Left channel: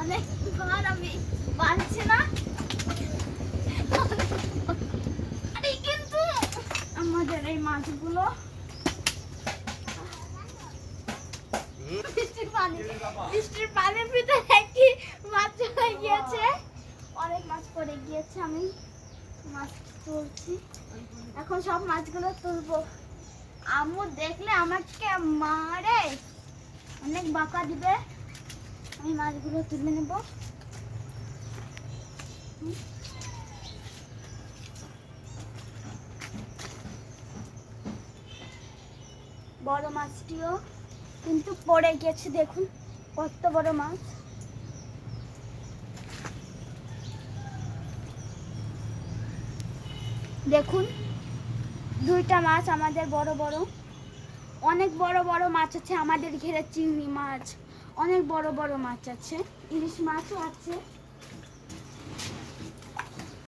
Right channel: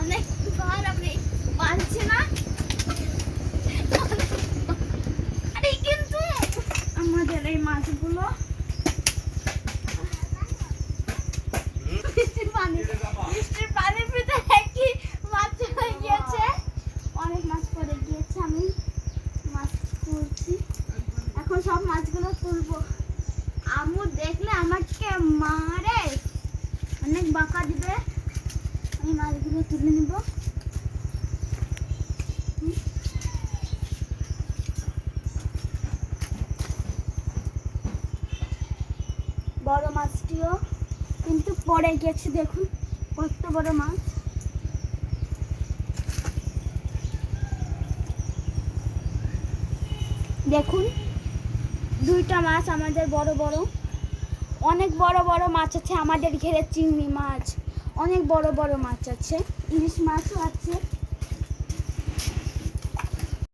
অনেক ভার আমি পারছি না। আরে কিন্তু আমাদের এই মাছগুলো বৃষ্টির পানির ভিতরে একটি মাছ চলে গিয়েছে, অনেক মাছ পড়ে গিয়েছে। আমি মাছ তুলছি, এখন সব মাছগুলো তুলবো। আম্মু দেখলে আমাকে মারে, অনেক বকা দিবে। আমি মাছগুলো তুলে নেব। বড় মাছটিও কিন্তু পড়ে গেছে, দেখুন কত বড় মাছ। দেখুন দুইটা মাছ আমাদের বড় বড়, অনেক বড় বড় মাছ আছে আমাদের ঘেরে। চিংড়ি মাছ, অনেক বড় বড় মাছ আছে, ইলিশ মাছও আছে।